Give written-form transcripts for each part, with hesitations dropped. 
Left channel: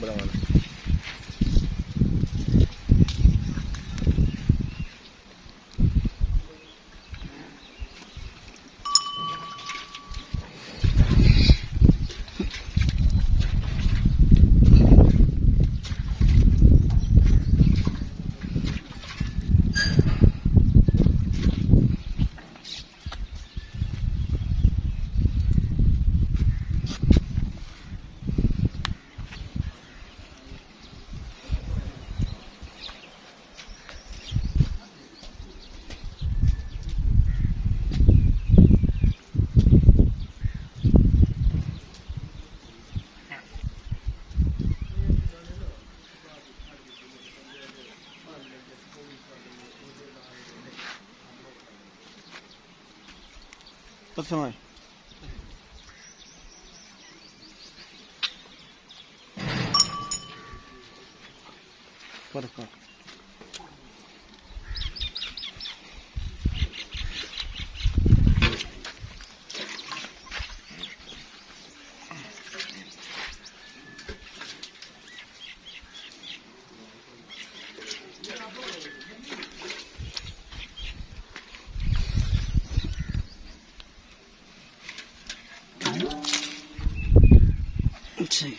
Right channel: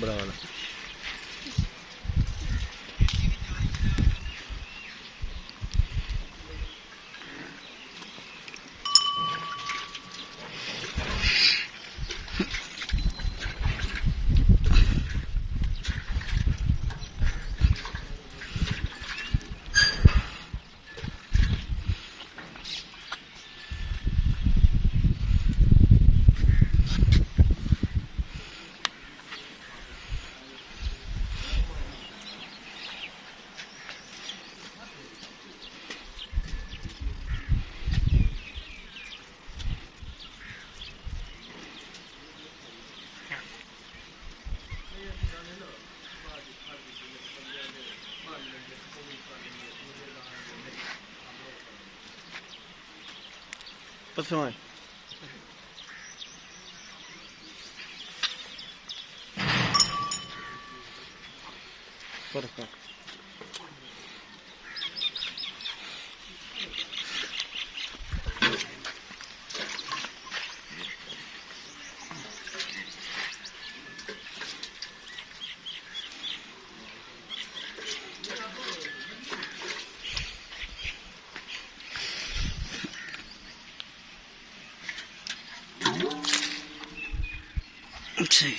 बनाना। Посылай. Perfect. See.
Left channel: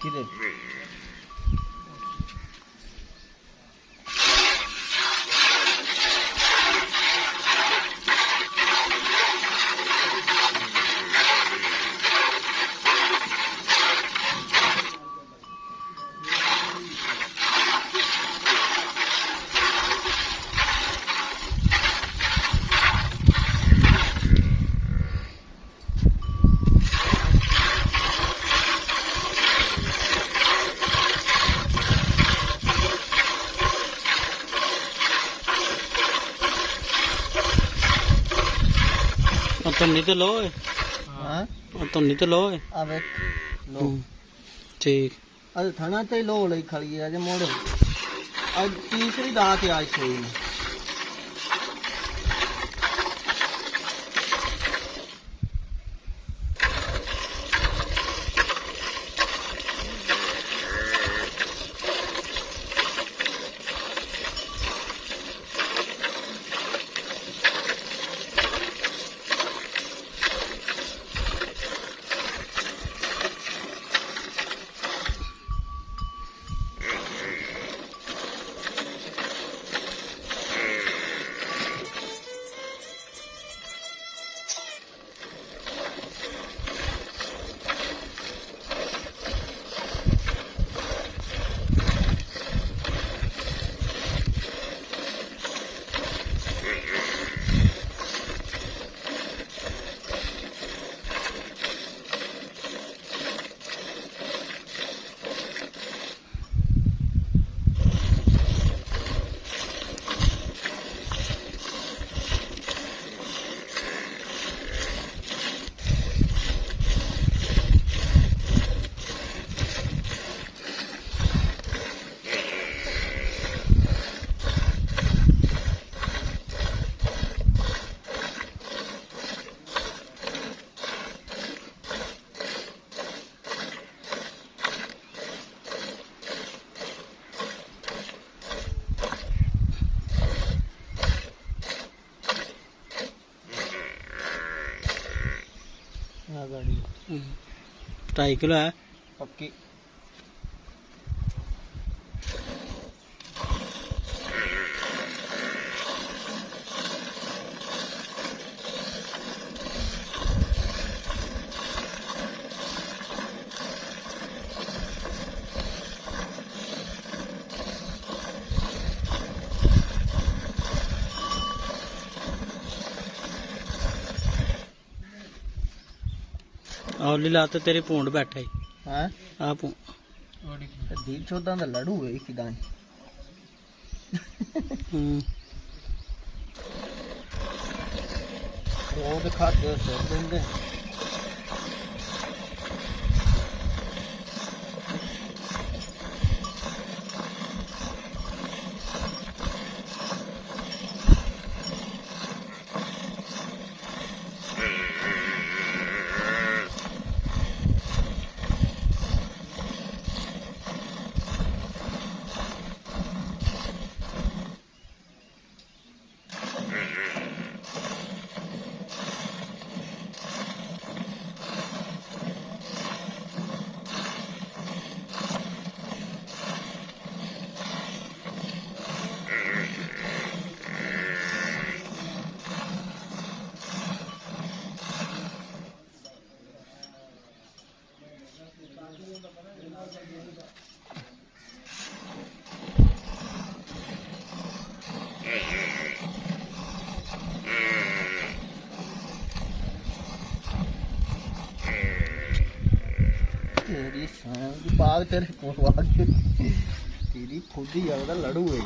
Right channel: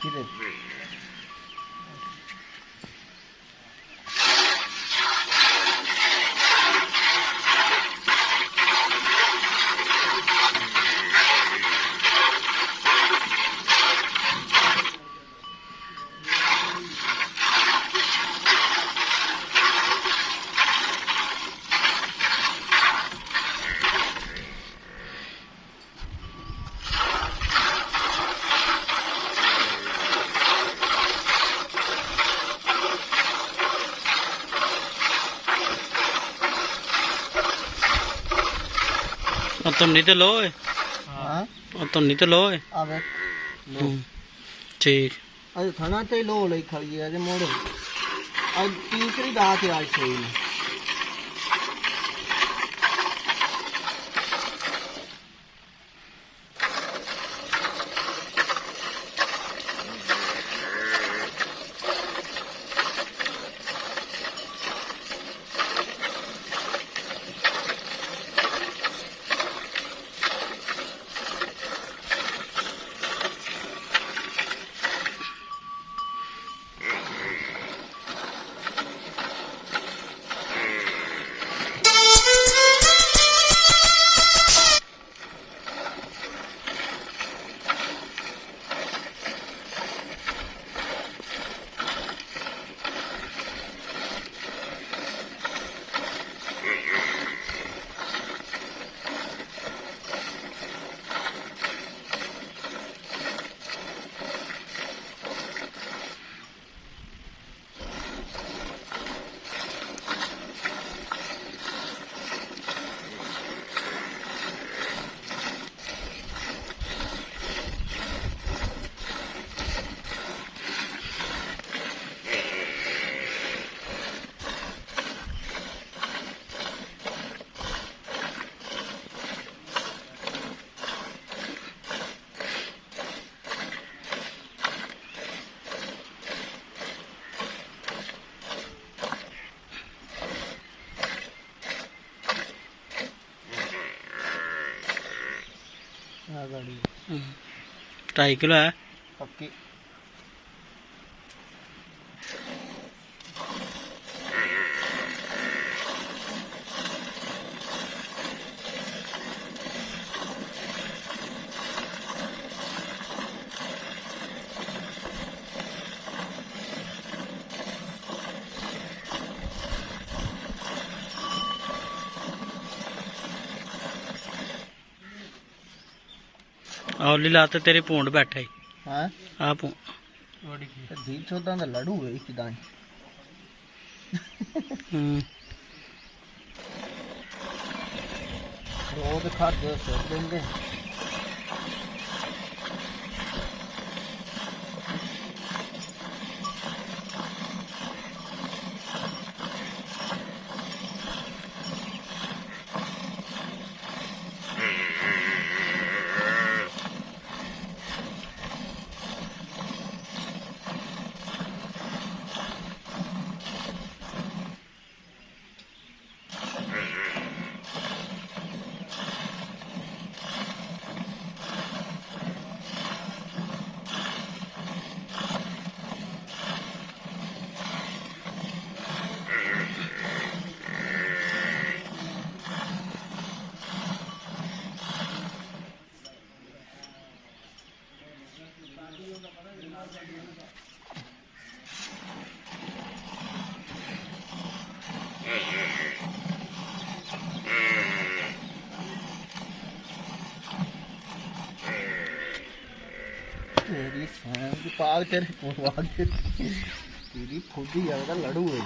Kidding. तुन्नी तो लो तुन्नी तो लो ठीक अज थाना तो लो ले खड़ी है जे मोड़ो आज तीसरी रात है आज सोई में गाड़ी 2.5 किलो है पक्की। औली लात तेरे भूंड बैठा ही हाँ आ भूं धी चौदां दा लड़ू है किदां वो ते खा के सिर देंगे तेरी सांग पाग तेरे कोल तेरी खुद ही ज्यादा लड़ू है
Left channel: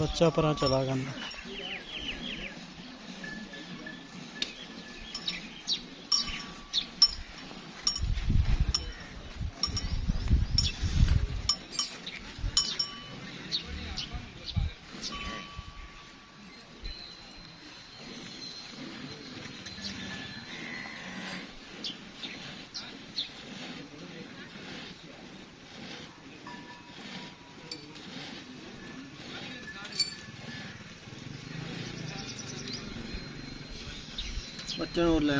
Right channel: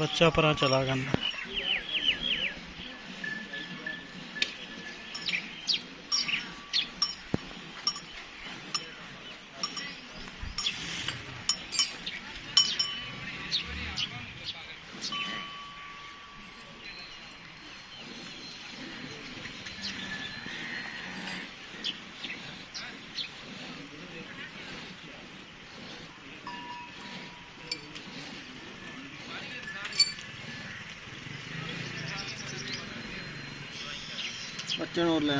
बच्चा परा चला गया बच्चन और ले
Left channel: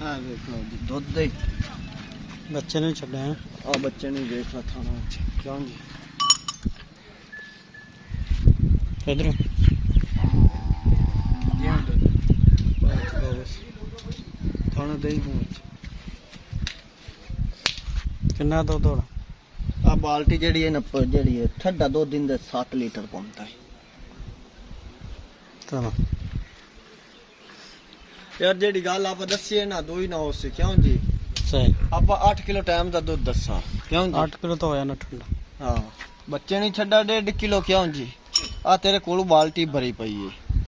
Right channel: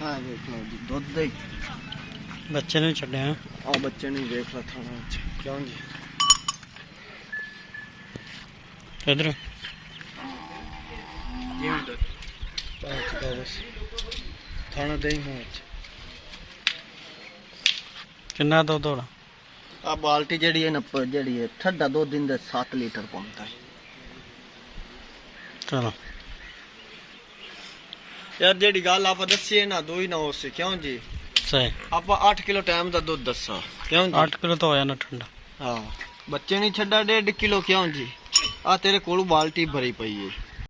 हाँ देख लो जी दूध दे बच्चे ने छड़े हैं बच्चे नहीं देख ला था क्यों जी इधर थाना दे किन्ना दुध होना आ बाल्टी जड़ी है नप्पर जड़ी है ठंडा 2 दिन दे 7 लीटर पौंदा है चलो यार जेडी गल आप दसी है ना 2 ही ना हो से क्यों जी सही आप 8 किलो टाइम दा दूध दसा क्यों जी 8 किलो तो होया ना ठंडा हाँ बच्चे नहीं छड़ा 1.5 किलो क्यों जी आ तेरे कोल बाल्टी भरी पई है